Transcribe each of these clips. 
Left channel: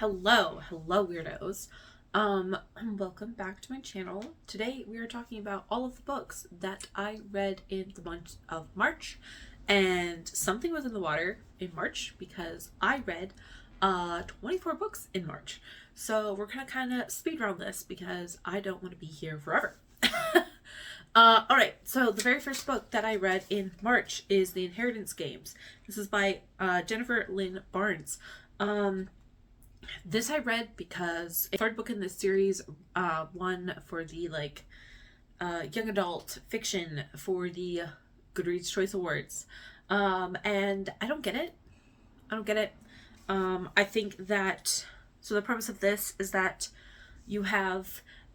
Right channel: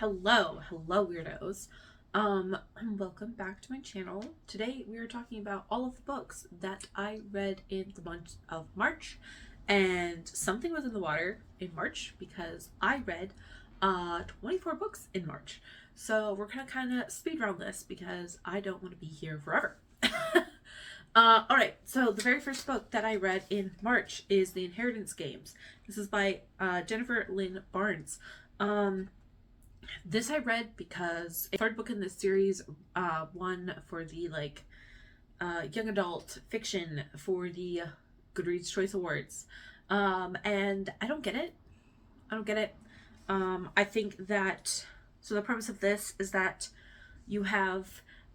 Hello weirdos. Welcome back to my channel. Today we are talking about all of the books that I read in the month of March, and something was in the water in March because I read 24 books in March. So we're gonna kind of speed round this because I don't want to be here forever. Alright, so the very first book that I read in March is The Inheritance Games. This is by Jennifer Lynn Barnes. This I read because the third book in this series won for the young adult fiction for the Goodreads Choice Awards. And I don't get it. I think that, so the premise of this is that you have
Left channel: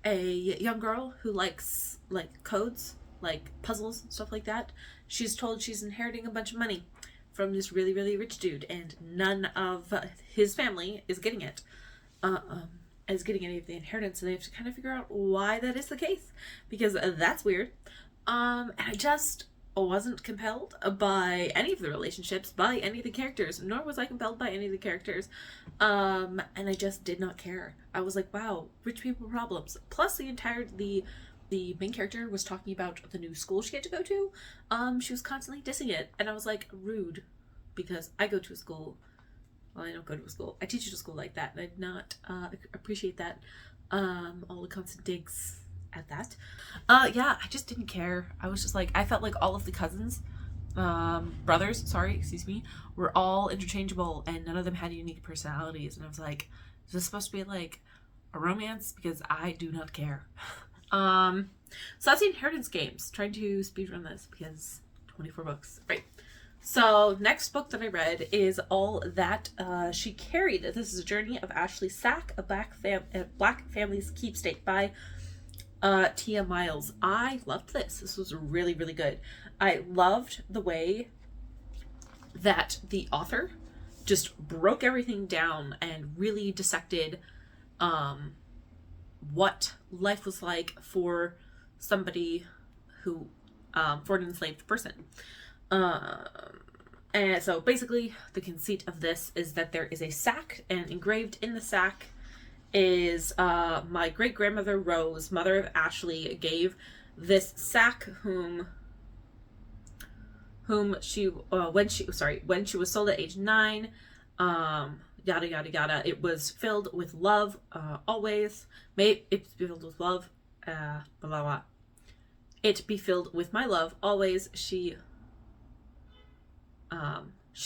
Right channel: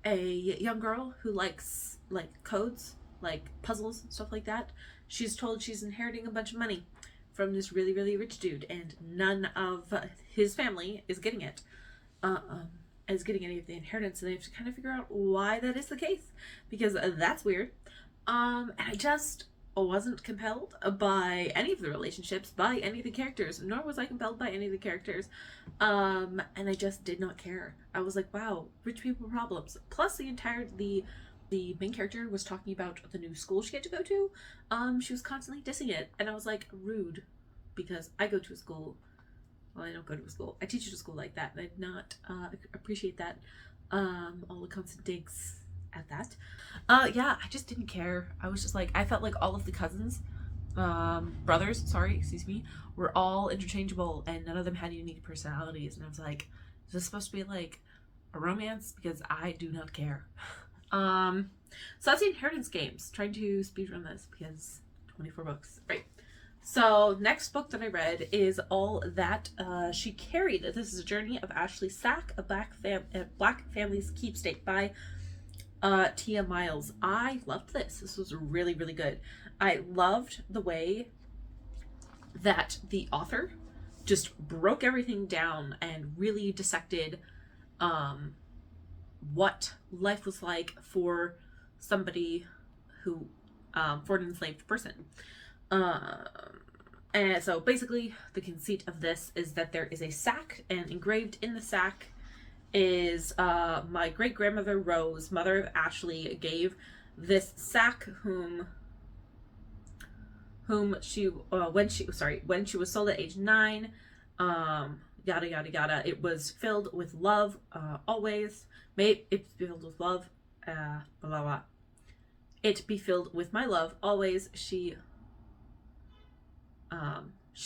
a young girl who likes codes, like puzzles and stuff like that. She's told she's inheriting a bunch of money from this really, really rich dude, and none of his family is getting it. Is getting any of the inheritance, and they have to kind of figure out why that is the case, because that's weird. And I just wasn't compelled by any of the relationships, by any of the characters, nor was I compelled by any of the characters. And I just did not care. I was like, wow, rich people problems. Plus the main character was talking about the new school she had to go to. She was constantly dissing it, and I was like, rude, because I go to a school. Well, I don't go to a school. I teach at a school like that, and I did not appreciate that. All the constant digs at that. Yeah, I just didn't care. I was just like, I felt like all of the cousins, brothers, were all interchangeable, and none of them had unique personalities. And I was like, is this supposed to be like a romance? Because I do not care. So that's The Inheritance Games. Trying to speedrun this because 24 books. Right. So next book that I read is All That She Carried. This is a journey of Ashley Sack, a Black Family's Keepsake by Tia Miles. I loved this. This was really, really good. I loved the way that the author just broke everything down and really dissected what life was like for somebody who, for an enslaved person. And so basically the conceit of this is that there is a sack, and engraved in the sack is my great-grandmother Rose, mother of Ashley, gave this sack whom she when she was sold at age 9, yada yada yada. It was filled with love, always. May it be filled with love, blah blah blah. It be filled with my love always. She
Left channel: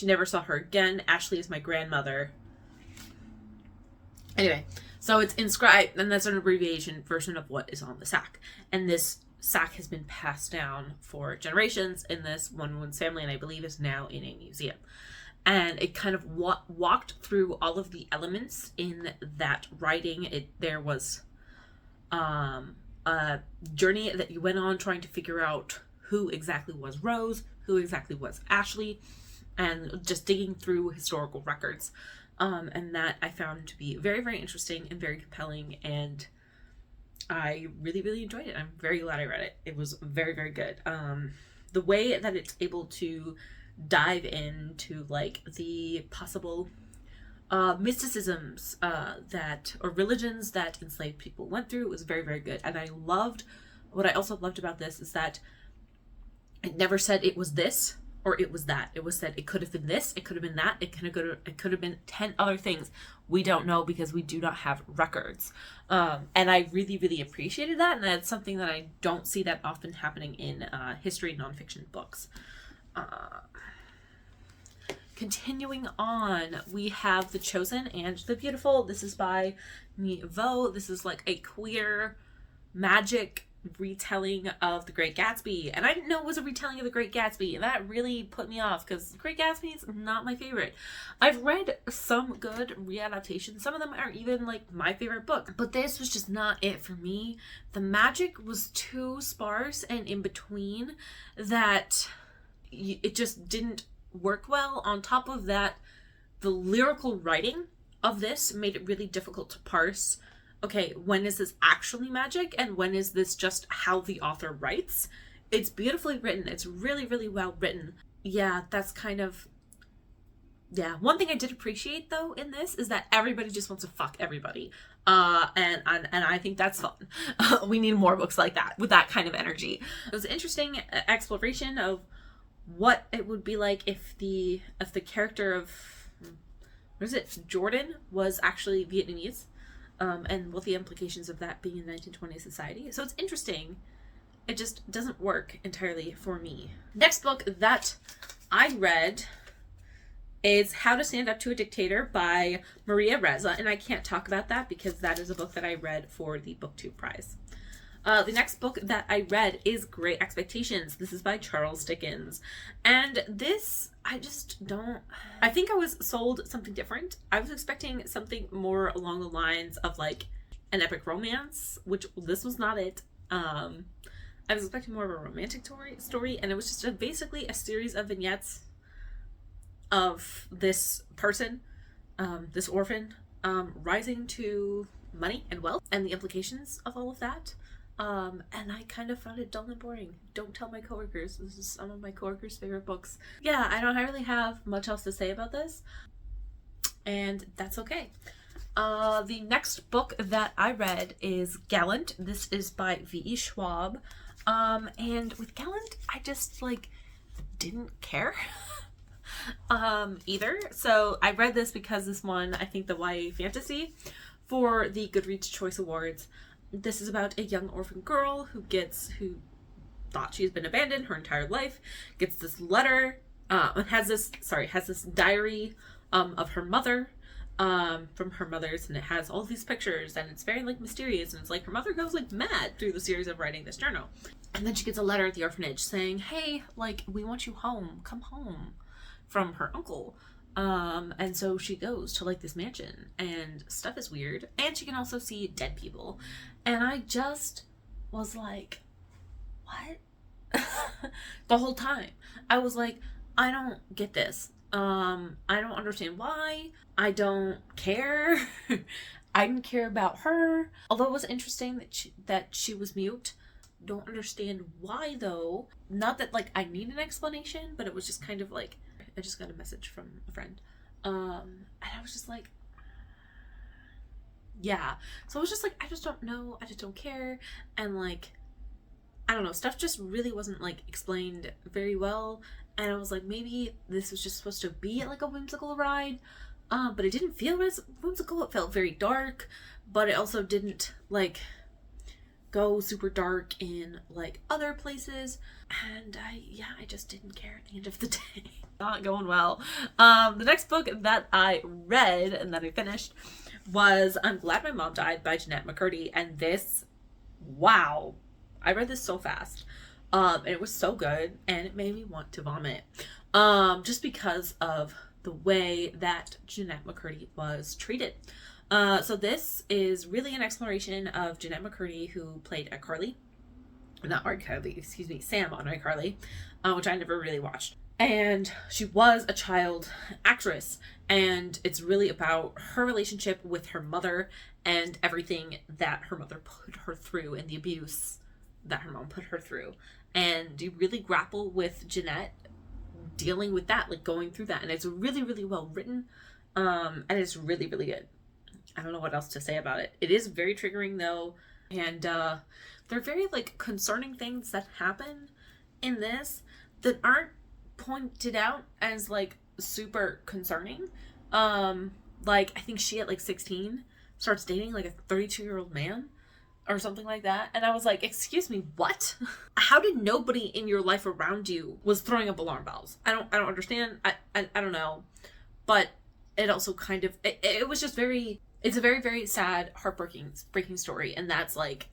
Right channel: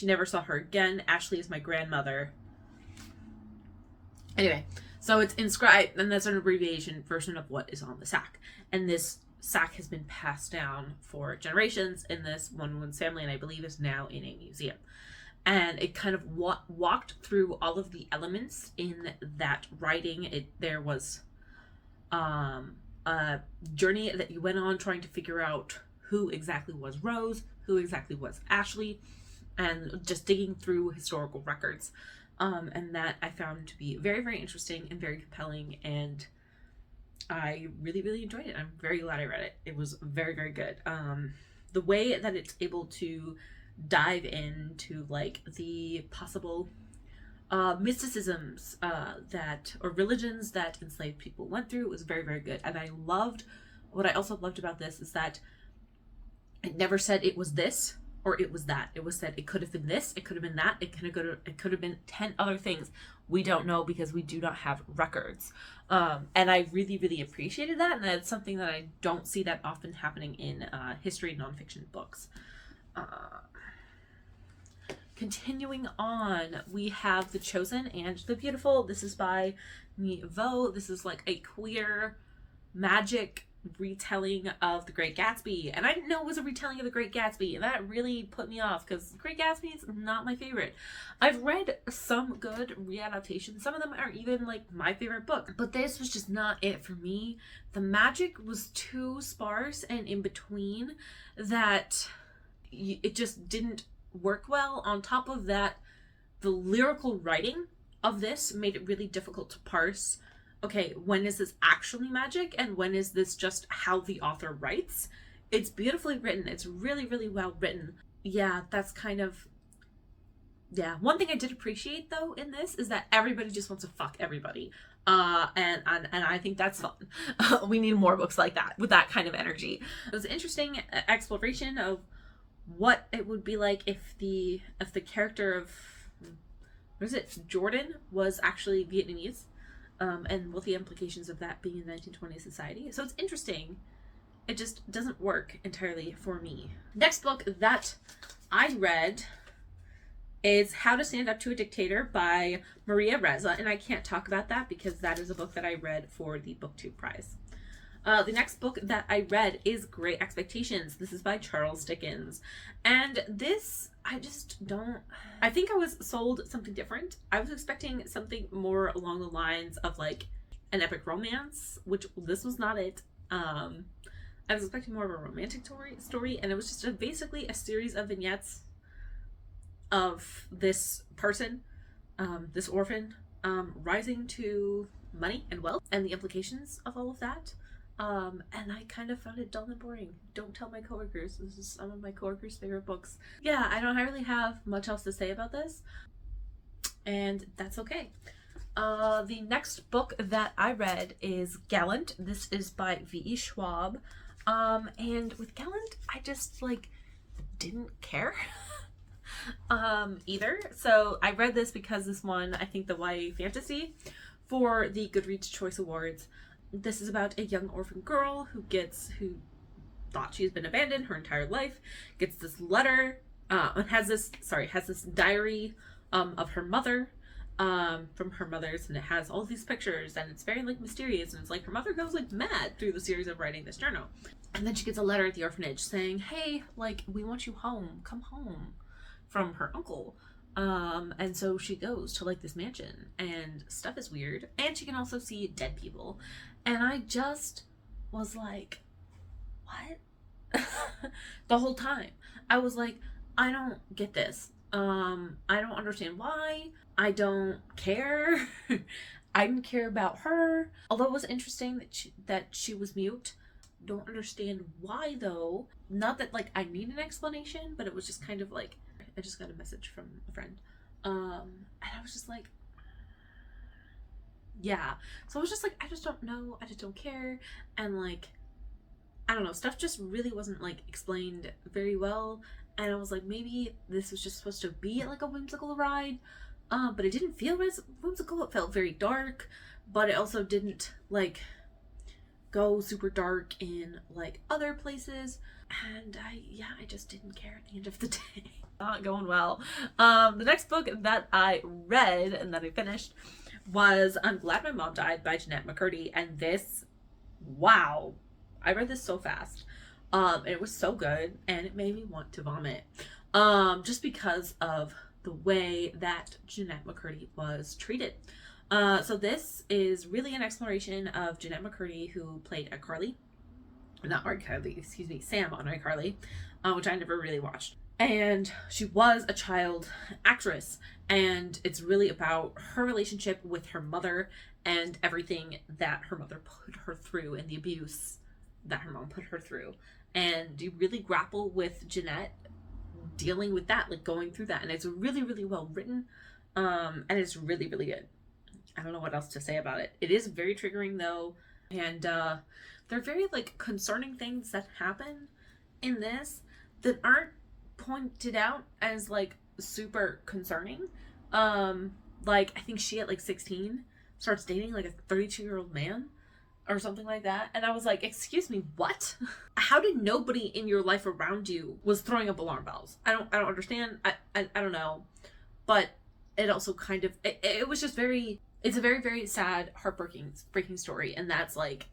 never saw her again. Ashley is my grandmother. Anyway, so it's inscribed, and that's an abbreviation version of what is on the sack. And this sack has been passed down for generations in this one woman's family, and I believe is now in a museum. And it kind of walked through all of the elements in that writing. There was a journey that you went on trying to figure out who exactly was Rose, who exactly was Ashley, and just digging through historical records. And that I found to be very, very interesting and very compelling, and I really, really enjoyed it. I'm very glad I read it. It was very, very good. The way that it's able to dive into the possible mysticisms or religions that enslaved people went through was very, very good. And what I also loved about this is that it never said it was this or it was that. It was said it could have been this, it could have been that, it could have been 10 other things. We don't know because we do not have records. And I really, really appreciated that, and that's something that I don't see that often happening in history nonfiction books. Continuing on, we have The Chosen and the Beautiful. This is by Mi Vo. This is like a queer magic retelling of The Great Gatsby, and I didn't know it was a retelling of The Great Gatsby, and that really put me off because The Great Gatsby is not my favorite. I've read some good readaptations. Some of them are even my favorite book, but this was just not it for me. The magic was too sparse and in between that it just didn't work well. On top of that, the lyrical writing of this made it really difficult to parse, okay, when is this actually magic and when is this just how the author writes? It's beautifully written. It's really, really well written. Yeah, that's kind of Yeah, one thing I did appreciate though in this is that everybody just wants to fuck everybody. And I think that's fun. We need more books like that with that kind of energy. It was an interesting exploration of what it would be like if the character of, what is it, Jordan was actually Vietnamese, and what the implications of that being in 1920s society. So it's interesting. It just doesn't work entirely for me. Next book that I read is How to Stand Up to a Dictator by Maria Reza, and I can't talk about that because that is a book that I read for the BookTube prize. The next book that I read is Great Expectations. This is by Charles Dickens. And this, I think I was sold something different. I was expecting something more along the lines of like an epic romance, which this was not it. I was expecting more of a romantic story, and it was just basically a series of vignettes of this person, this orphan, rising to money and wealth and the implications of all of that. And I kind of found it dull and boring. Don't tell my coworkers. This is some of my coworkers' favorite books. Yeah, I don't really have much else to say about this, and that's okay. The next book that I read is Gallant. This is by V.E. Schwab. And with Gallant, I just like didn't care either. So I read this because this won, I think, the YA fantasy for the Goodreads Choice Awards. This is about a young orphan girl who thought she's been abandoned her entire life, gets this letter, and has this diary of her mother, from her mother's, and it has all these pictures, and it's very like mysterious, and it's like her mother goes like mad through the series of writing this journal. And then she gets a letter at the orphanage saying, hey, like, we want you home, come home, from her uncle. And so she goes to like this mansion, and stuff is weird, and she can also see dead people. And I just was like, what? The whole time I was like, I don't get this. I don't understand why. I don't care. I didn't care about her. Although it was interesting that she was mute. Don't understand why though. Not that like I need an explanation, but it was just kind of like, I just got a message from a friend. And I was just like, yeah. So I was just like, I just don't know. I just don't care. And like, I don't know, stuff just really wasn't like explained very well. And I was like, maybe this was just supposed to be like a whimsical ride. But it didn't feel as whimsical. It felt very dark, but it also didn't like go super dark in like other places. And I just didn't care at the end of the day. Not going well. The next book that I read and that I finished was I'm Glad My Mom Died by Jeanette McCurdy. And this, wow, I read this so fast. And it was so good, and it made me want to vomit. Just because of the way that Jeanette McCurdy was treated. So this is really an exploration of Jeanette McCurdy, who played Sam on iCarly, which I never really watched. And she was a child actress, and it's really about her relationship with her mother and everything that her mother put her through and the abuse that her mom put her through. And you really grapple with Jeanette dealing with that, like going through that. And it's really, really well written. And it's really, really good. I don't know what else to say about it. It is very triggering though. And they're very like concerning things that happen in this that aren't pointed out as like super concerning. Like I think she at like 16 starts dating like a 32-year-old man or something like that. And I was like, excuse me, what? How did nobody in your life around you was throwing up alarm bells? I don't understand. I don't know. But it also kind of, it was just it's a very, very sad, heartbreaking story. And that is like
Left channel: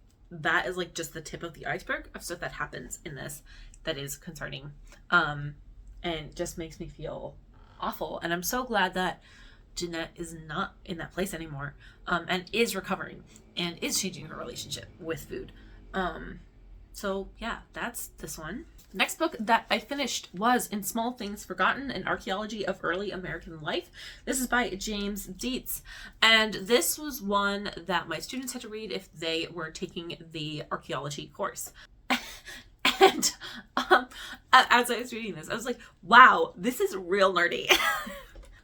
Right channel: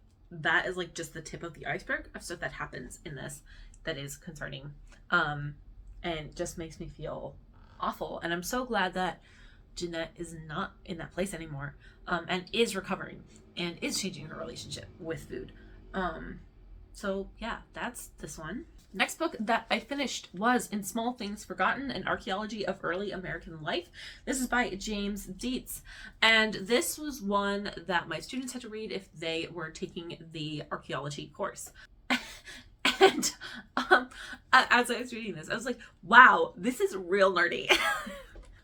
just the tip of the iceberg of stuff that happens in this that is concerning. And just makes me feel awful. And I'm so glad that Jeanette is not in that place anymore, and is recovering and is changing her relationship with food. So yeah, that's this one. Next book that I finished was In Small Things Forgotten, An Archaeology of Early American Life. This is by James Dietz. And this was one that my students had to read if they were taking the archaeology course. And as I was reading this, I was like, wow, this is real nerdy.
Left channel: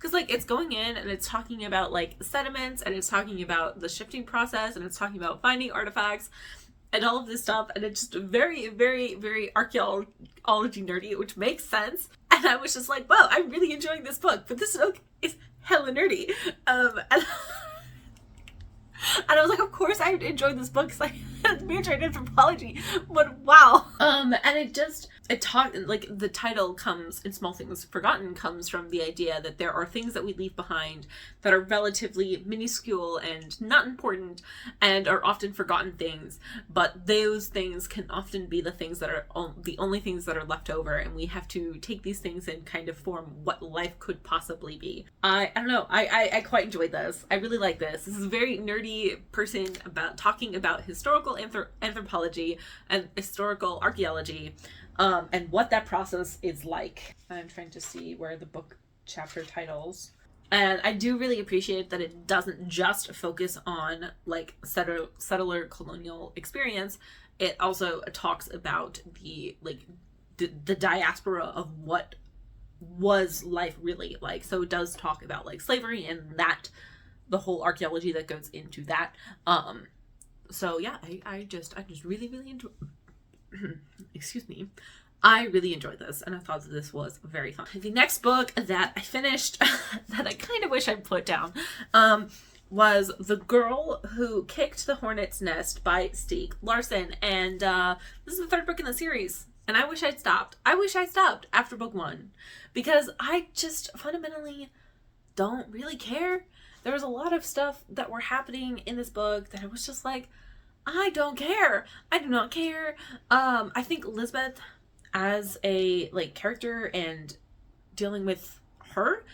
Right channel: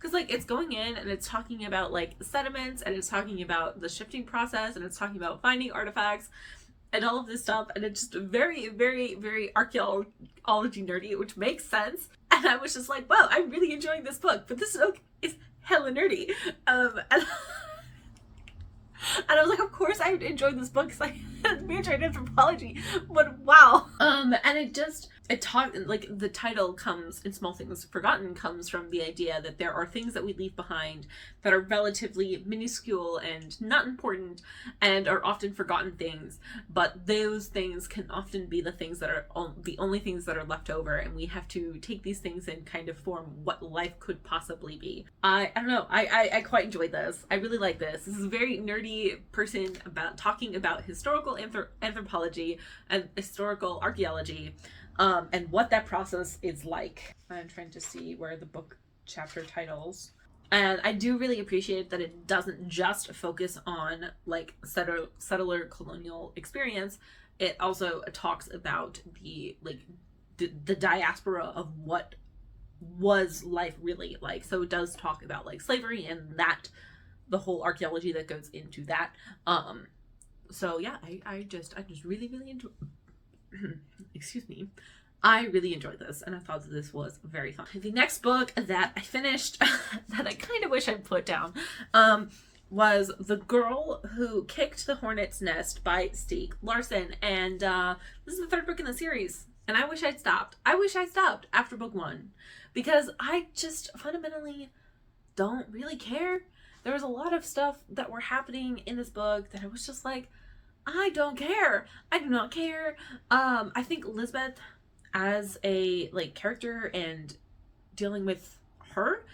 because like it's going in and it's talking about like sediments, and it's talking about the shifting process, and it's talking about finding artifacts and all of this stuff, and it's just very, very, very archaeology nerdy, which makes sense. And I was just like, wow, I'm really enjoying this book, but this book is hella nerdy. And I was like, of course I enjoyed this book because I had a major in anthropology, but wow. And it talked, like, the title comes in Small Things Forgotten, comes from the idea that there are things that we leave behind that are relatively minuscule and not important and are often forgotten things, but those things can often be the things that are the only things that are left over, and we have to take these things and kind of form what life could possibly be. I don't know, I quite enjoyed this. I really like this. This is a very nerdy person talking about historical anthropology and historical archaeology. And what that process is like. I'm trying to see where the book chapter titles. And I do really appreciate that it doesn't just focus on like settler colonial experience. It also talks about the diaspora of what was life really like. So it does talk about like slavery and that the whole archaeology that goes into that. So yeah, I just really enjoy excuse me. I really enjoyed this, and I thought that this was very fun. The next book that I finished that I kind of wish I'd put down was The Girl Who Kicked the Hornet's Nest by Stieg Larsson, and this is the third book in the series, and I wish I'd stopped. I wish I stopped after book 1, because I just fundamentally don't really care. There was a lot of stuff that were happening in this book that I was just like, I don't care. I do not care. I think Elizabeth as a like character and dealing with her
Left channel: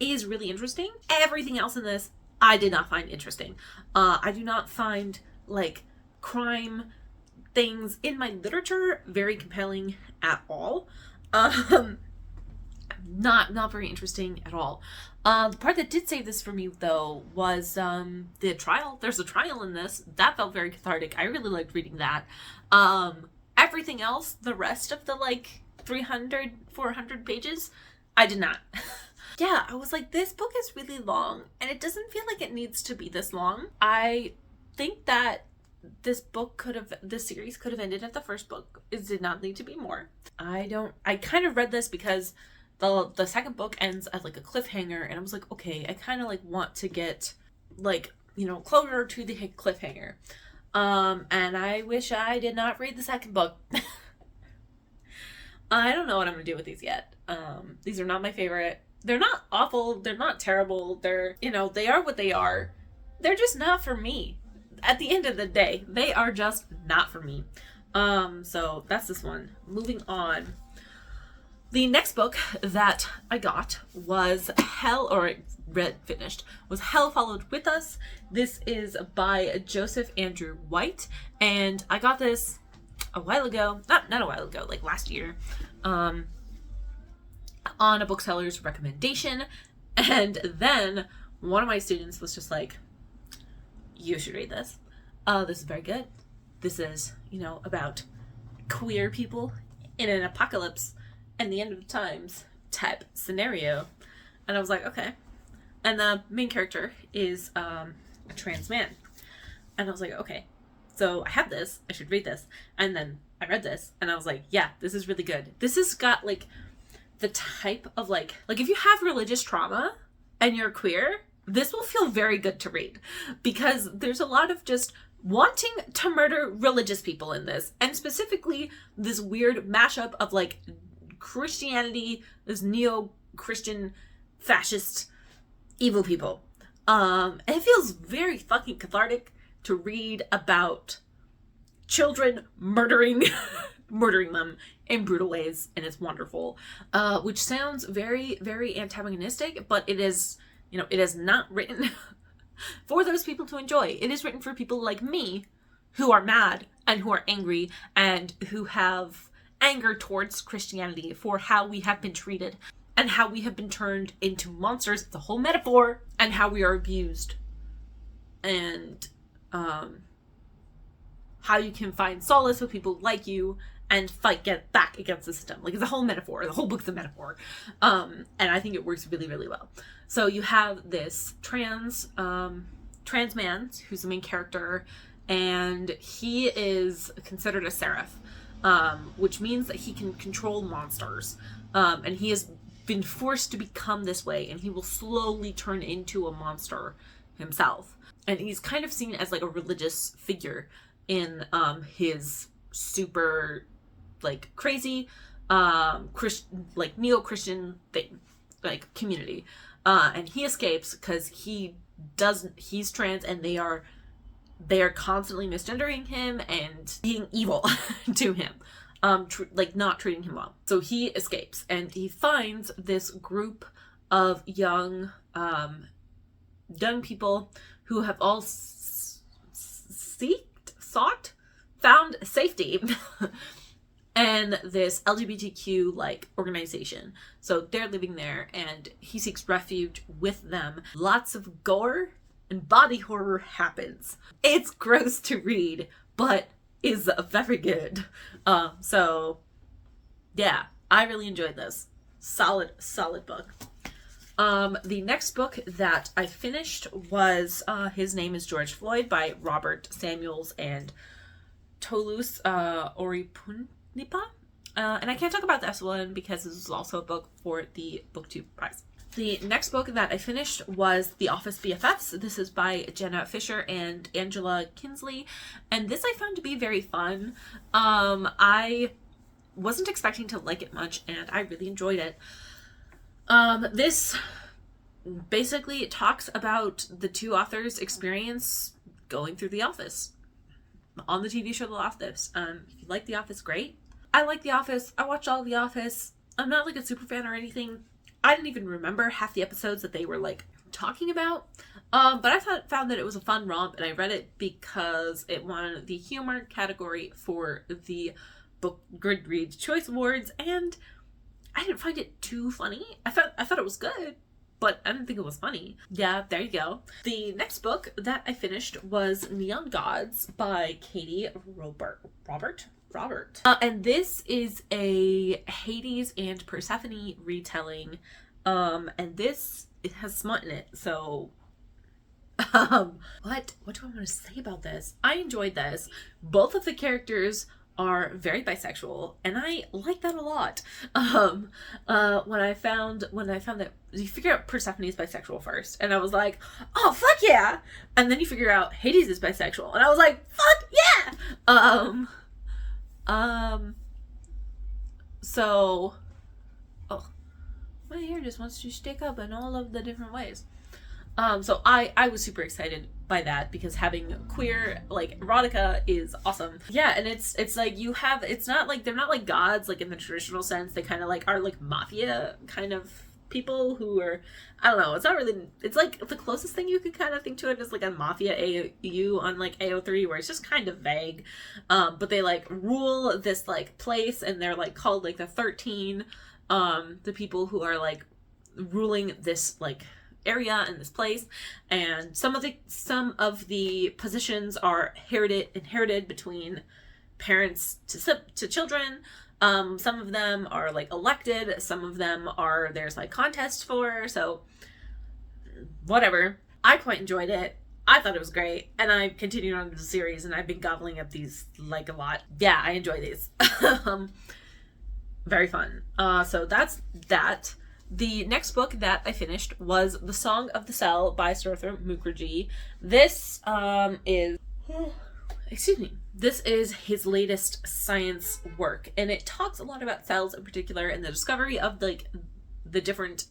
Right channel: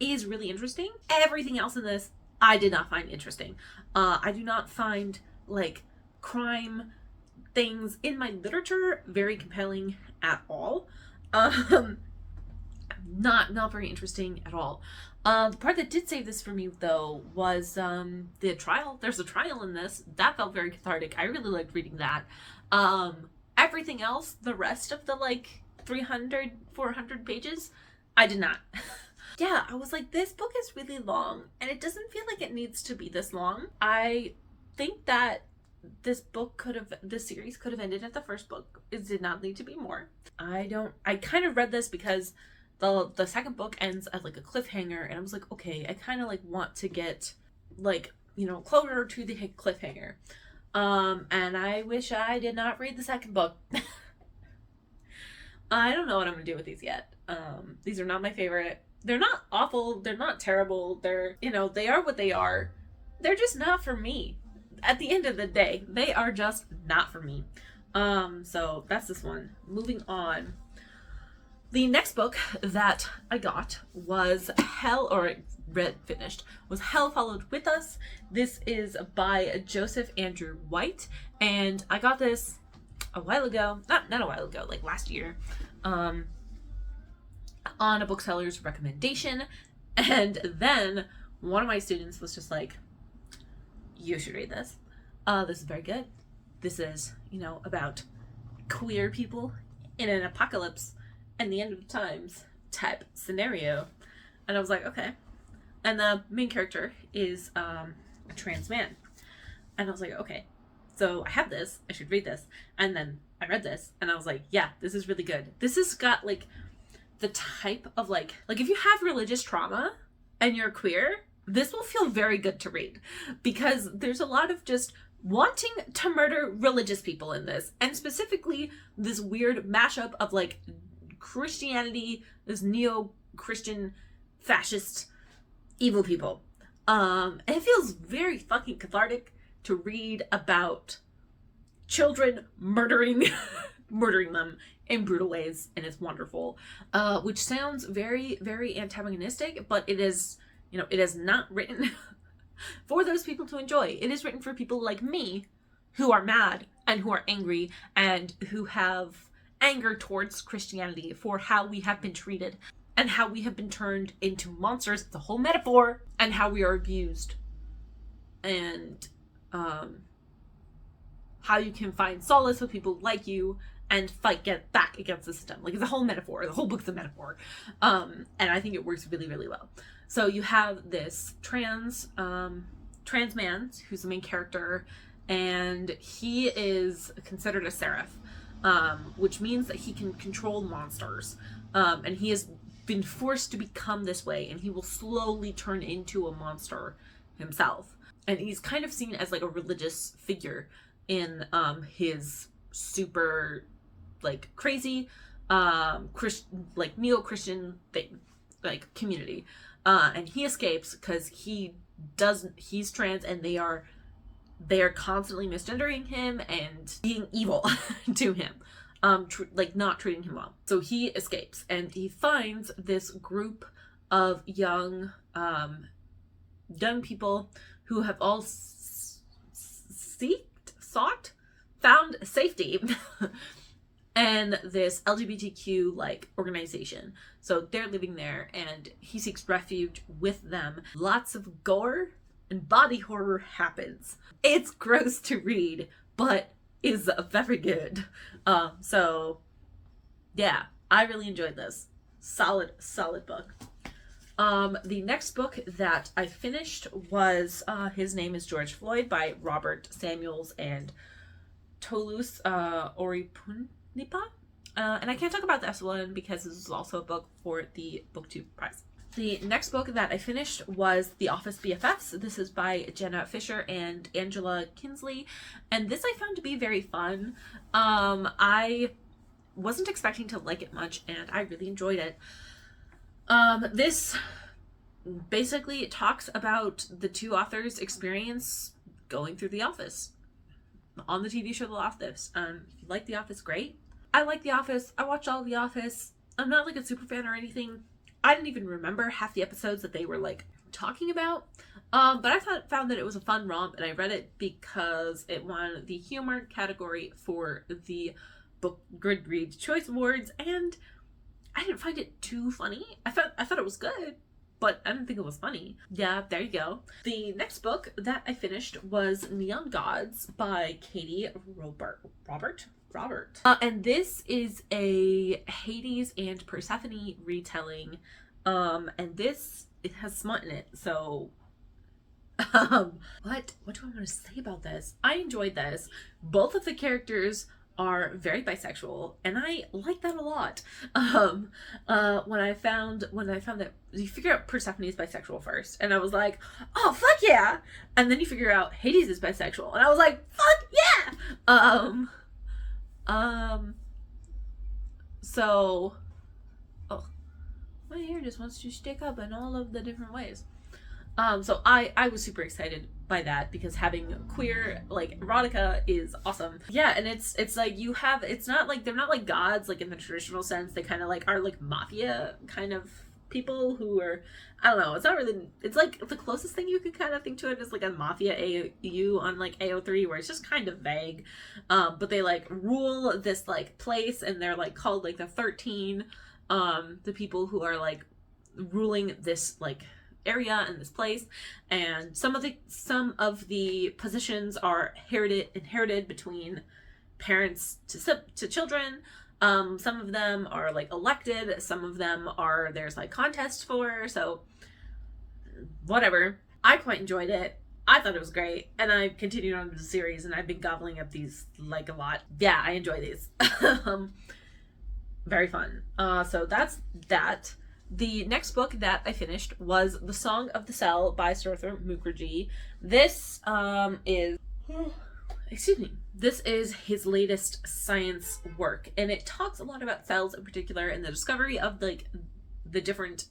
is really interesting. Everything else in this I did not find interesting. I do not find like crime things in my literature very compelling at all. Not very interesting at all. The part that did save this for me, though, was the trial. There's a trial in this. That felt very cathartic. I really liked reading that. Everything else, the rest of the, like, 300, 400 pages, I did not. Yeah, I was like, this book is really long, and it doesn't feel like it needs to be this long. I think that this series could have ended at the first book. It did not need to be more. I kind of read this because the second book ends at like a cliffhanger, and I was like, okay, I kind of like want to get like, you know, closer to the cliffhanger. And I wish I did not read the second book. I don't know what I'm gonna do with these yet. These are not my favorite. They're not awful, they're not terrible, they're, you know, they are what they are. They're just not for me. At the end of the day, they are just not for me. So that's this one. Moving on. The next book that I got was Hell Followed With Us. This is by Joseph Andrew White, and I got this a while ago, not a while ago, like last year, on a bookseller's recommendation, and then one of my students was just like, you should read this. This is very good. This is, you know, about queer people in an apocalypse and the end of times type scenario. And I was like, okay. And the main character is a trans man. And I was like, okay, so I have this, I should read this. And then I read this and I was like, yeah, this is really good. This has got like the type of like if you have religious trauma and you're queer, this will feel very good to read, because there's a lot of just wanting to murder religious people in this, and specifically this weird mashup of like Christianity, this neo-Christian fascist evil people. And it feels very fucking cathartic to read about children murdering them in brutal ways, and it's wonderful. Which sounds very, very antagonistic, but it is, you know, it is not written for those people to enjoy. It is written for people like me who are mad and who are angry and who have anger towards Christianity for how we have been treated and how we have been turned into monsters. It's a whole metaphor. And how we are abused, and how you can find solace with people like you and get back against the system. Like, it's a whole metaphor. The whole book's a metaphor. And I think it works really, really well. So you have this trans man who's the main character, and he is considered a seraph, which means that he can control monsters. And he has been forced to become this way, and he will slowly turn into a monster himself. And he's kind of seen as like a religious figure in his super like crazy like neo-Christian thing, like community. And he escapes because he's trans, and they are constantly misgendering him and being evil to him, like not treating him well. So he escapes, and he finds this group of young people who have all found safety and this LGBTQ like organization. So they're living there, and he seeks refuge with them. Lots of gore and body horror happens. It's gross to read, but is very good. So yeah, I really enjoyed this. Solid book. The next book that I finished was His Name is George Floyd by Robert Samuels and Toulouse Oripunipa. And I can't talk about this one because this is also a book for the BookTube prize. The next book that I finished was The Office BFFs. This is by Jenna Fisher and Angela Kinsley, and this I found to be very fun. I wasn't expecting to like it much, and I really enjoyed it. This basically talks about the two authors' experience going through The Office on the TV show The Office. If you like The Office, great. I like The Office. I watched all of The Office. I'm not like a super fan or anything. I didn't even remember half the episodes that they were like talking about. But I found that it was a fun romp, and I read it because it won the humor category for the Book Goodreads Choice Awards, and I didn't find it too funny. I thought it was good, but I didn't think it was funny. Yeah, there you go. The next book that I finished was Neon Gods by Katie Robert. And this is a Hades and Persephone retelling. And it has smut in it. So, what do I want to say about this? I enjoyed this. Both of the characters are very bisexual, and I like that a lot. When I found that you figure out Persephone is bisexual first, and I was like, oh fuck yeah, and then you figure out Hades is bisexual, and I was like, fuck yeah. So, oh, my hair just wants to stick up in all of the different ways. So I was super excited by that because having queer like erotica is awesome. Yeah, and it's like it's not like they're not like gods like in the traditional sense. They kind of like are like mafia kind of people who are, I don't know, it's not really, it's like the closest thing you could kind of think to it is like a mafia AU on like AO3, where it's just kind of vague, but they like rule this like place, and they're like called like the 13, the people who are like ruling this like area in this place, and some of the positions are inherited between parents to children. Some of them are like elected, some of them are there's like contests for, so whatever. I quite enjoyed it. I thought it was great, and I continued on with the series, and I've been gobbling up these like a lot. Yeah, I enjoy these. Very fun. So that's that. The next book that I finished was The Song of the Cell by Surthar Mukherjee. This this is his latest science work, and it talks a lot about cells in particular and the discovery of like the different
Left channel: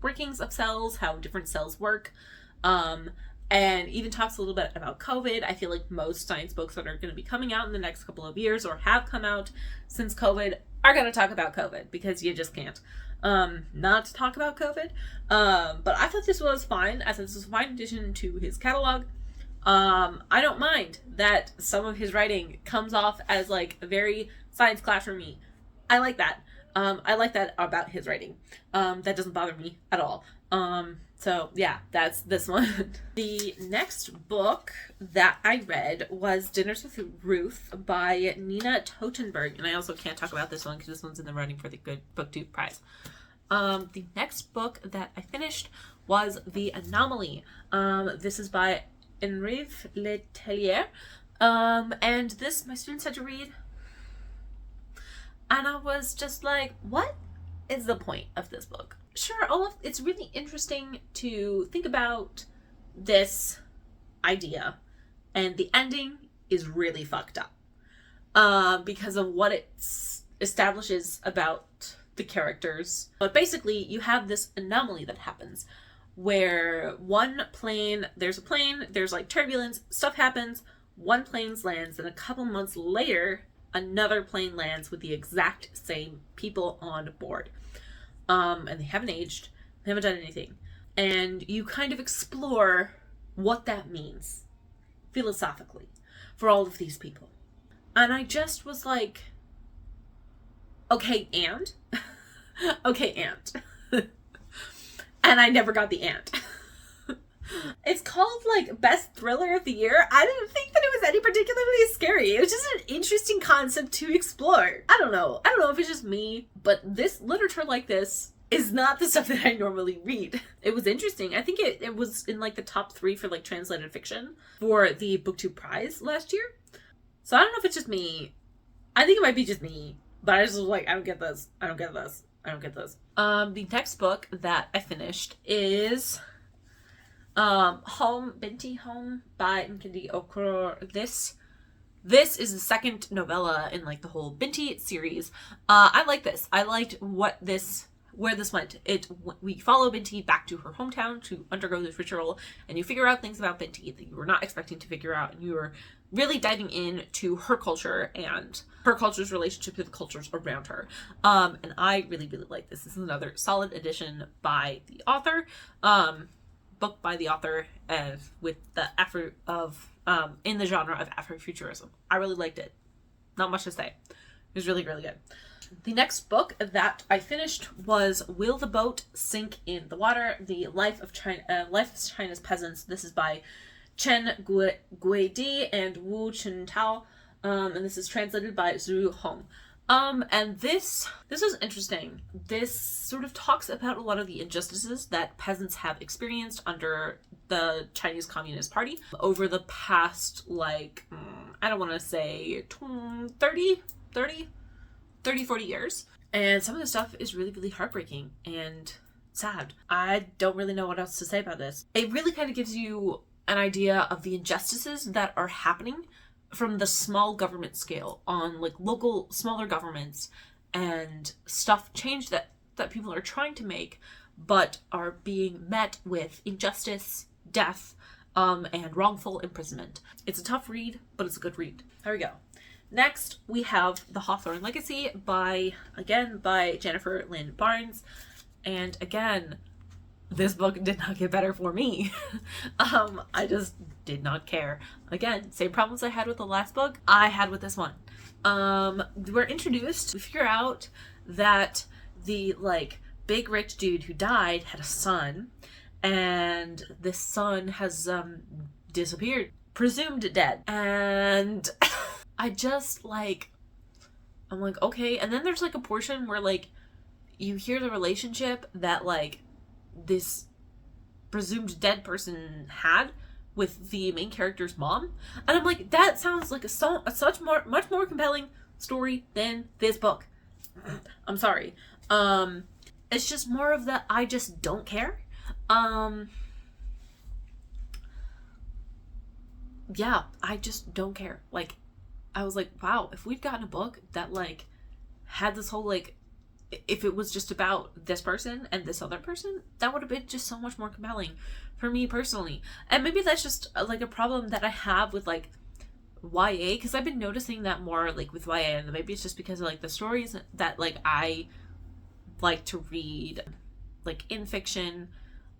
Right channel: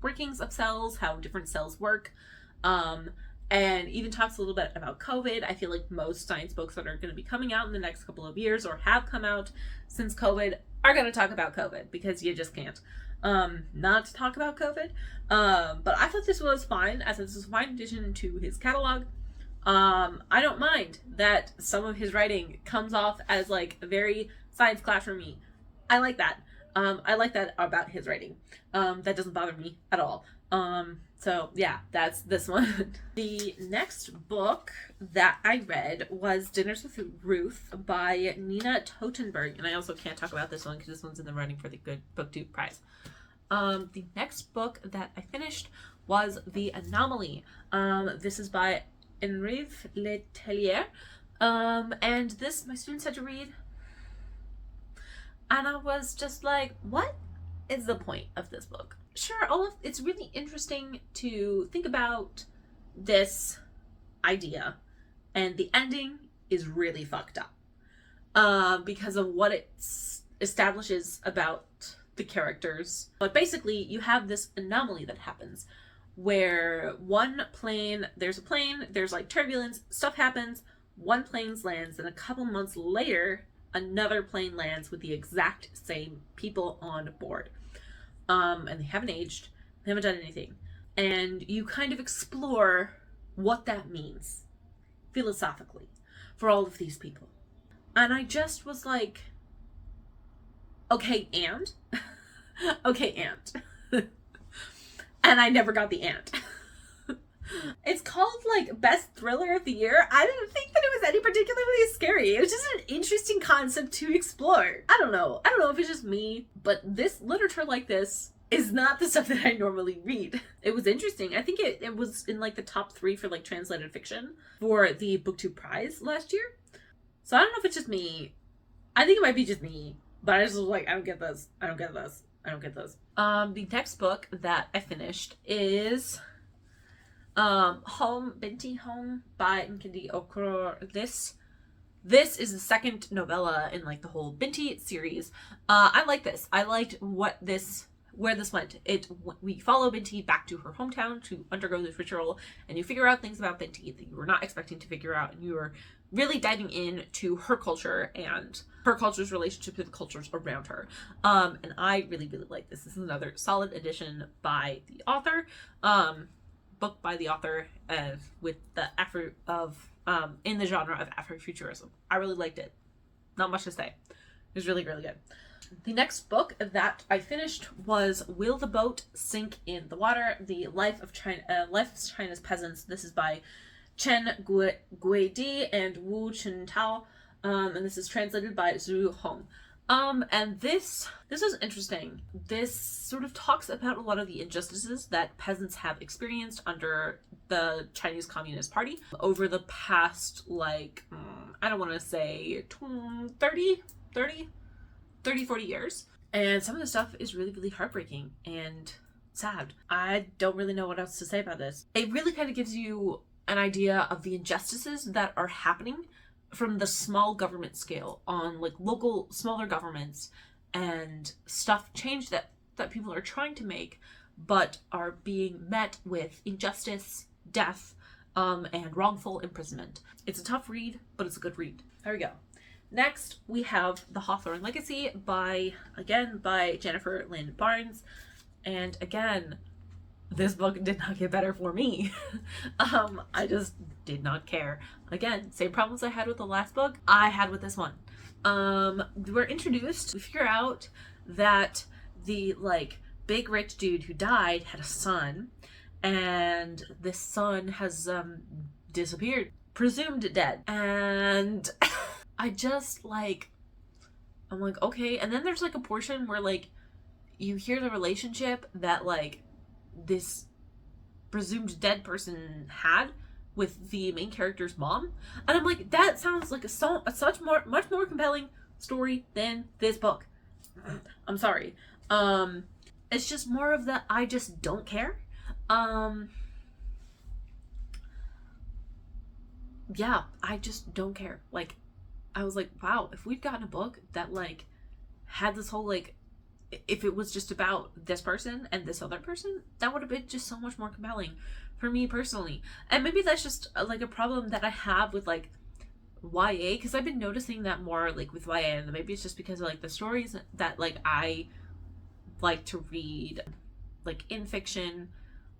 workings of cells, how different cells work, and even talks a little bit about COVID. I feel like most science books that are going to be coming out in the next couple of years or have come out since COVID are going to talk about COVID, because you just can't not talk about COVID. But I thought this was fine. I thought this was a fine addition to his catalog. I don't mind that some of his writing comes off as like a very science classroomy. I like that. I like that about his writing. That doesn't bother me at all. So yeah, that's this one. The next book that I read was Dinners with Ruth by Nina Totenberg, and I also can't talk about this one because this one's in the running for the Good BookTube prize. The next book that I finished was The Anomaly. This is by Henri Letellier. And this my students had to read. And I was just like, what is the point of this book? Sure, it's really interesting to think about this idea, and the ending is really fucked up because of what it establishes about the characters. But basically, you have this anomaly that happens where there's like turbulence, stuff happens, one plane lands, and a couple months later, another plane lands with the exact same people on board. And they haven't aged, they haven't done anything. And you kind of explore what that means philosophically for all of these people. And I just was like, okay, and? Okay, and. And I never got the and. It's called, like, Best Thriller of the Year. I didn't think that it was any particularly scary. It was just an interesting concept to explore. I don't know if it's just me, but this literature like this is not the stuff that I normally read. It was interesting. I think it was in, like, the top 3 for, like, translated fiction for the BookTube prize last year. So I don't know if it's just me. I think it might be just me, but I just was like, I don't get this. The next book that I finished is Home Binti Home by Nkindi Okorafor. This is the second novella in, like, the whole Binti series. I like this. I liked where this went. We follow Binti back to her hometown to undergo this ritual, and you figure out things about Binti that you were not expecting to figure out, and you are really diving into her culture and her culture's relationship to the cultures around her. And I really, really like this. This is another solid edition by the author. Book by the author with the effort of in the genre of Afrofuturism. I really liked it. Not much to say. It was really, really good. The next book that I finished was Will the Boat Sink in the Water? The Life of China's Peasants. This is by Chen Guidi and Wu Chintao. And this is translated by Zhu Hong. And this is interesting. This sort of talks about a lot of the injustices that peasants have experienced under the Chinese Communist Party over the past, like, I don't want to say 40 years. And some of the stuff is really, really heartbreaking and sad. I don't really know what else to say about this. It really kind of gives you an idea of the injustices that are happening from the small government scale on, like, local smaller governments, and change that people are trying to make but are being met with injustice, death, and wrongful imprisonment. It's a tough read, but it's a good read. There we go. Next, we have The Hawthorne Legacy by Jennifer Lynn Barnes. And again, this book did not get better for me. I just did not care. Again, same problems I had with the last book, I had with this one. We're introduced to figure out that the, like, big rich dude who died had a son, and this son has disappeared, presumed dead. And I just, like, I'm like, okay. And then there's, like, a portion where, like, you hear the relationship that, like, this presumed dead person had with the main character's mom, and I'm like, that sounds like much more compelling story than this book. I'm sorry. It's just more of the I just don't care. Yeah, I just don't care. Like, I was like, wow, if we'd gotten a book that, like, had this whole, like, if it was just about this person and this other person, that would have been just so much more compelling for me personally. And maybe that's just, like, a problem that I have with, like, YA, because I've been noticing that more, like, with YA, and maybe it's just because of, like, the stories that, like, I like to read, like, in fiction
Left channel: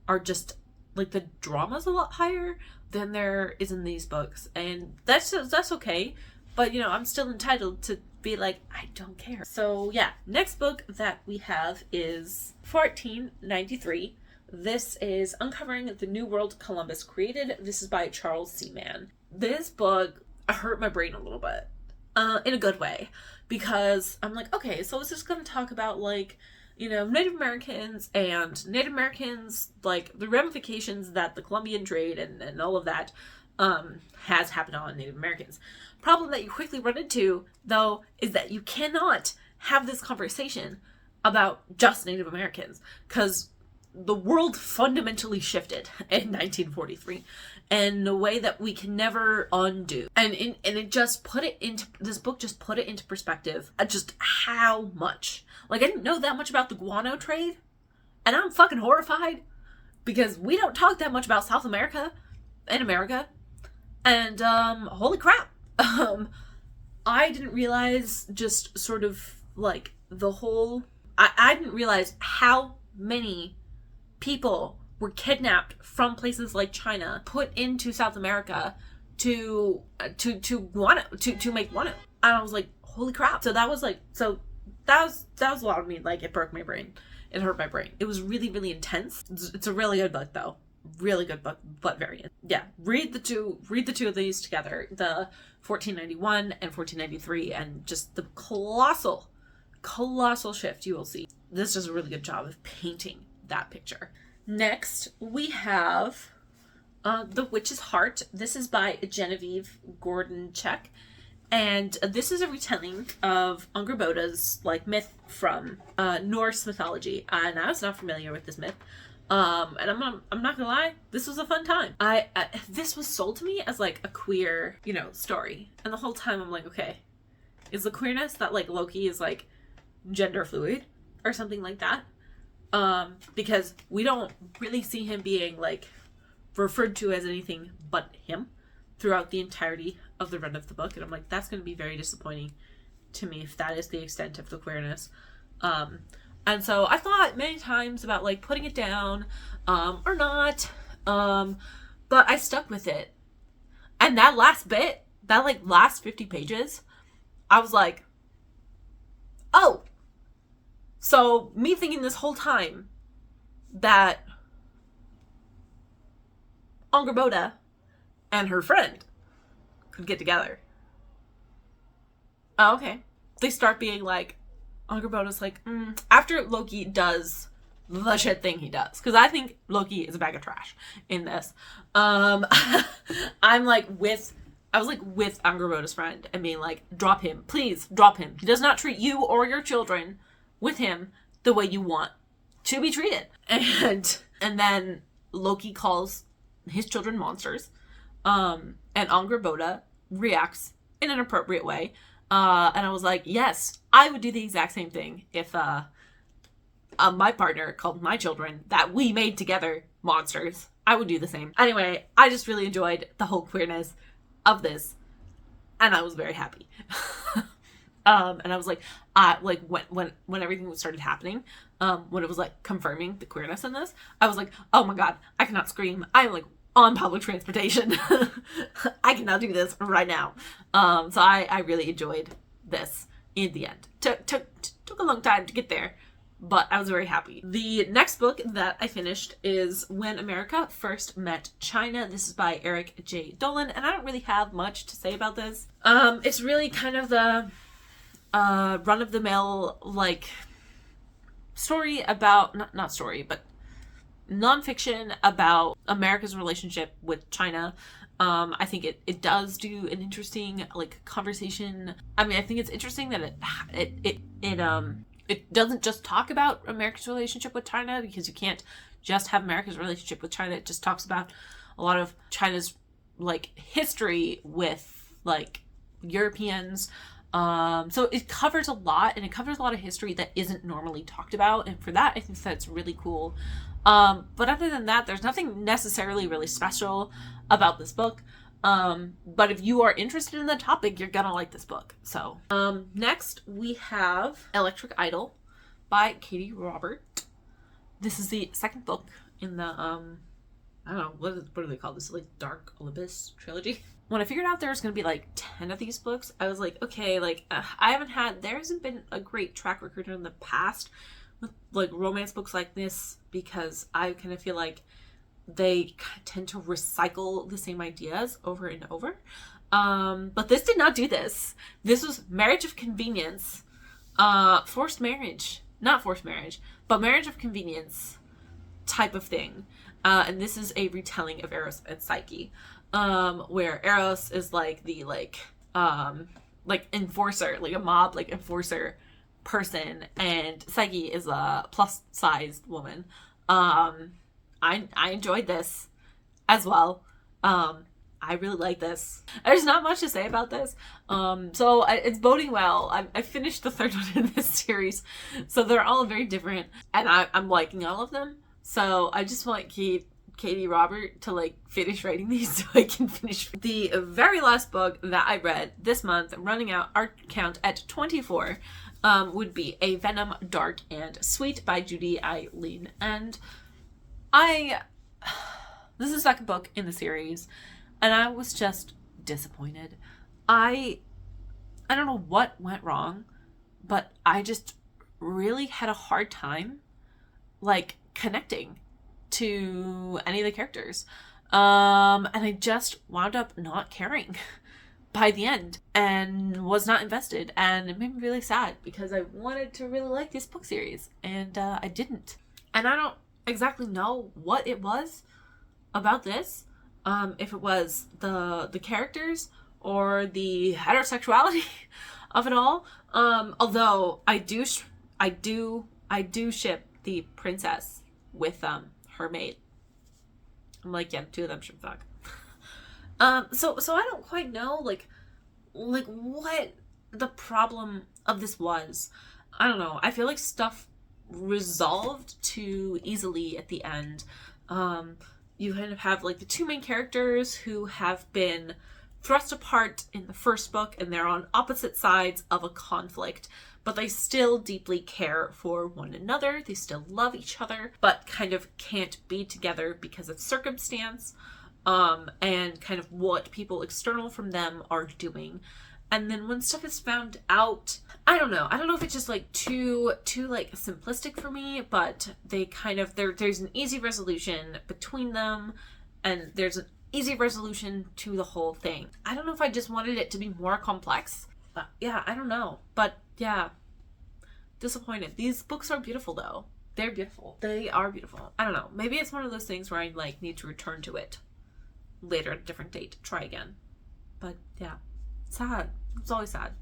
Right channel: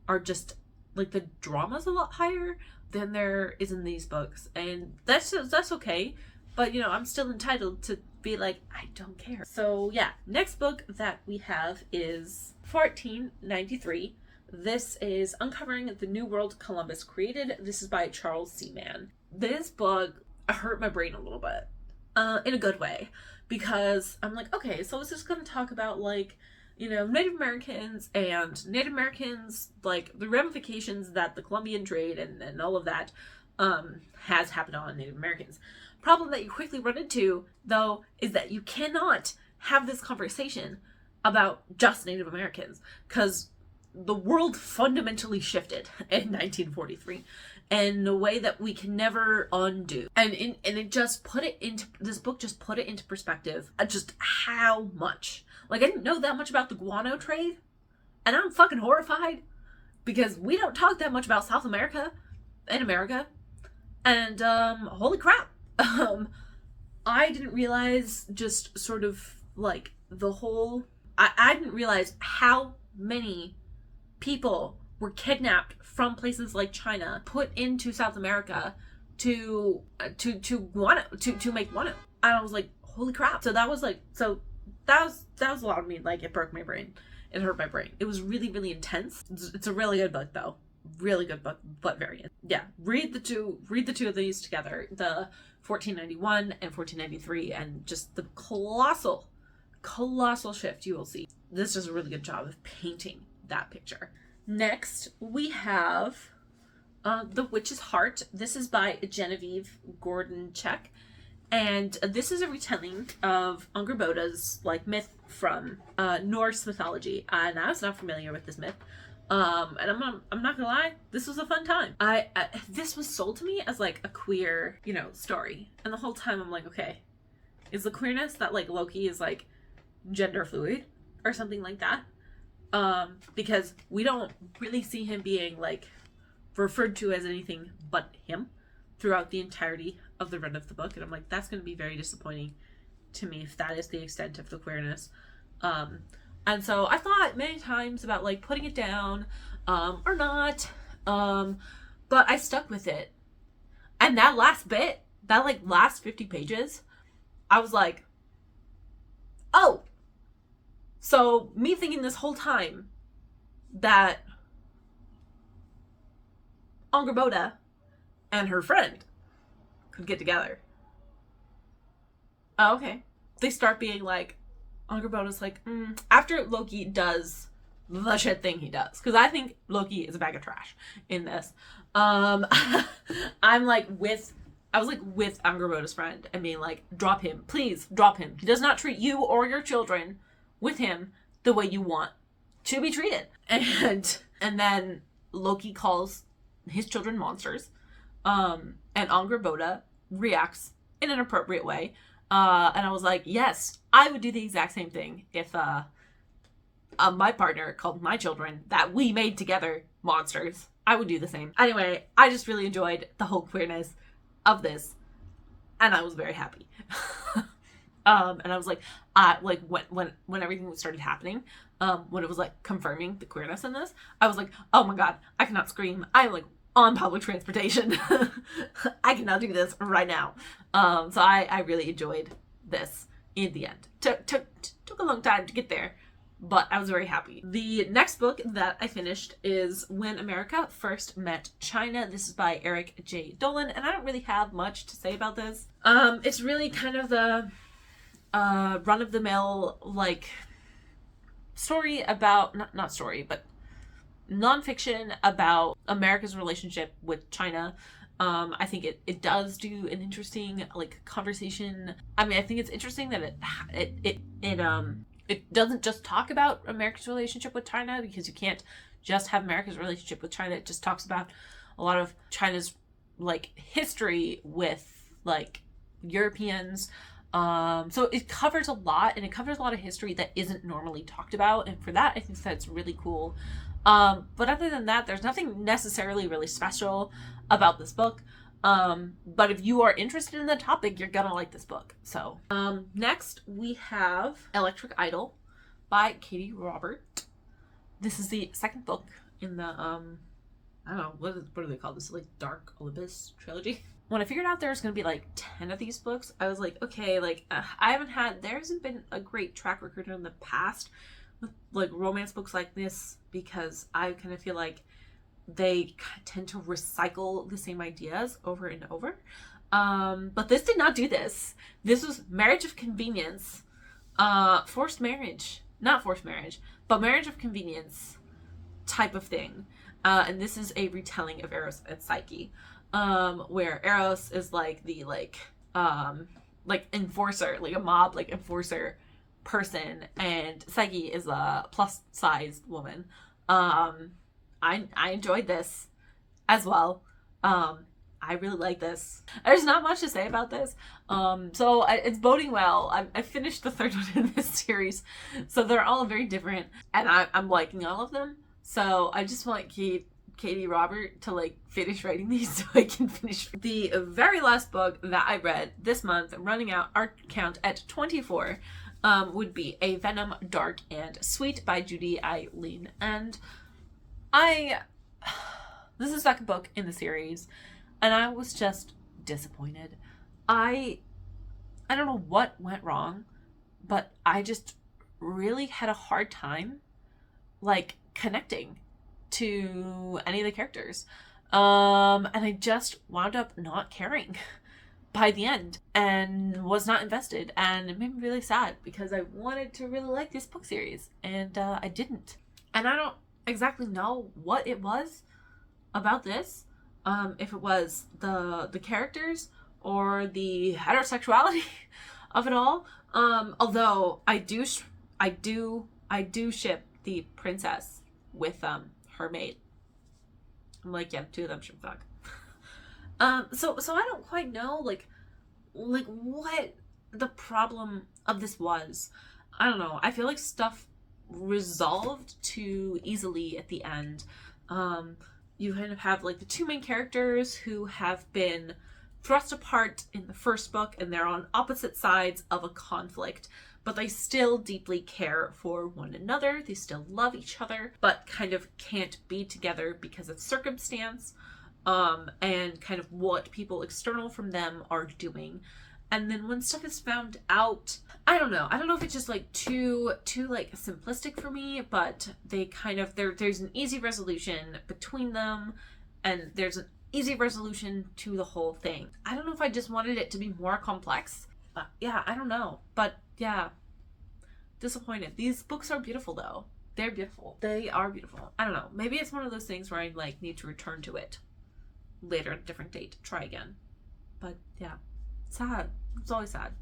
are just, like, the drama's a lot higher than there is in these books, and that's okay. But, you know, I'm still entitled to be like, I don't care. So, yeah. Next book that we have is 1493. This is Uncovering the New World Columbus Created. This is by Charles C. Mann. This book hurt my brain a little bit. In a good way. Because I'm like, okay, so it's just going to talk about, like, you know, Native Americans and Native Americans, like the ramifications that the Columbian trade and all of that has happened on Native Americans. Problem that you quickly run into, though, is that you cannot have this conversation about just Native Americans, because the world fundamentally shifted in 1943 in a way that we can never undo. And it just put it into, this book just put it into perspective, just how much. Like, I didn't know that much about the guano trade, and I'm fucking horrified, because we don't talk that much about South America in America. And holy crap. I didn't realize just sort of like the whole, I didn't realize how many people were kidnapped from places like China, put into South America to guano, to make guano. And I was like, holy crap. So that was a lot of me. Like, it broke my brain. It hurt my brain. It was really, really intense. It's a really good book, though. Really good book, but very, yeah. Read the two of these together, the 1491 and 1493, and just the colossal shift you will see. This does a really good job of painting that picture. Next, we have The Witch's Heart. This is by Genevieve Gordon-Check, and this is a retelling of Angerboda's like myth from Norse mythology, and I was not familiar with this myth. And I'm not gonna lie, this was a fun time. This was sold to me as like a queer, you know, story, and the whole time I'm like, okay, is the queerness that like Loki is like gender fluid or something like that? Because we don't really see him being like referred to as anything but him throughout the entirety of the run of the book, and I'm like, that's gonna be very disappointing to me if that is the extent of the queerness. And so I thought many times about like putting it down, or not, but I stuck with it. And that last bit, that like last 50 pages, I was like, oh, so me thinking this whole time that Angerboda and her friend could get together. Oh, okay. They start being like, Angerboda's like, after Loki does the shit thing he does, because I think Loki is a bag of trash in this. I was like with Angerboda's friend and being like, drop him, please drop him. He does not treat you or your children with him the way you want to be treated. And then Loki calls his children monsters, and Angerboda reacts in an appropriate way. And I was like, yes, I would do the exact same thing if my partner called my children that we made together monsters. I would do the same. Anyway, I just really enjoyed the whole queerness of this, and I was very happy. And I was like, when everything started happening, when it was like confirming the queerness in this, I was like, oh my god, I cannot scream. I'm like on public transportation. I cannot do this right now. So I really enjoyed this in the end. Took a long time to get there, but I was very happy. The next book that I finished is When America First Met China. This is by Eric J. Dolan, and I don't really have much to say about this. It's really kind of the run-of-the-mill like story about, not story, but nonfiction about America's relationship with China. I think it does do an interesting like conversation. I mean, I think it's interesting that it doesn't just talk about America's relationship with China, because you can't just have America's relationship with China. It just talks about a lot of China's like history with like Europeans. So it covers a lot, and it covers a lot of history that isn't normally talked about, and for that I think that's really cool. But other than that, there's nothing necessarily really special about this book. But if you are interested in the topic, you're gonna like this book. So, next we have Electric Idol by Katie Robert. This is the second book in the, I don't know, what do they call this? Like Dark Olympus trilogy? When I figured out there was going to be like 10 of these books, I was like, okay, like, there hasn't been a great track record in the past with like romance books like this, because I kind of feel like they tend to recycle the same ideas over and over. But this did not do this. This was marriage of convenience, forced marriage, not forced marriage, but marriage of convenience type of thing. And this is a retelling of Eros and Psyche, where Eros is like the enforcer, like a mob like enforcer person, and Psyche is a plus sized woman. I enjoyed this as well. I really like this. There's not much to say about this. It's boding well. I finished the third one in this series, so they're all very different, and I'm liking all of them. So I just want Katie Robert to like finish writing these so I can finish. The very last book that I read this month, running out our count at 24, would be A Venom, Dark and Sweet by Judy Eileen. And this is the second book in the series, and I was just disappointed. I don't know what went wrong, but I just really had a hard time like connecting to any of the characters. And I just wound up not caring by the end and was not invested, and it made me really sad because I wanted to really like this book series, and I didn't. And I don't exactly know what it was about this, if it was the characters or the heterosexuality of it all. Although I do ship the princess with her maid. I'm like, yeah, two of them should fuck. So I don't quite know like what the problem of this was. I don't know. I feel like stuff resolved too easily at the end. You kind of have like the two main characters who have been thrust apart in the first book, and they're on opposite sides of a conflict, but they still deeply care for one another. They still love each other, but kind of can't be together because of circumstance, and kind of what people external from them are doing. And then when stuff is found out, I don't know if it's just like too like simplistic for me, but they kind of, there's an easy resolution between them, and there's an easy resolution to the whole thing. I don't know if I just wanted it to be more complex. Yeah, I don't know. But yeah, disappointed. These books are beautiful though. They're beautiful. They are beautiful. I don't know. Maybe it's one of those things where I like need to return to it later at a different date. Try again. But yeah, sad. It's always sad.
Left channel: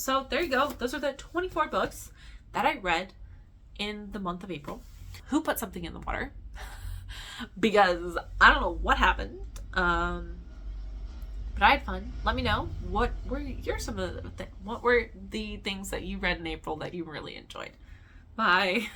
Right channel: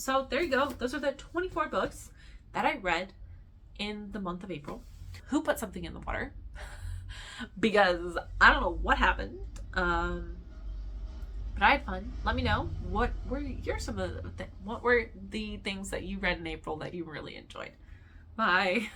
So there you go. Those are the 24 books that I read in the month of April. Who put something in the water? Because I don't know what happened. But I had fun. Let me know what were the things that you read in April that you really enjoyed. Bye.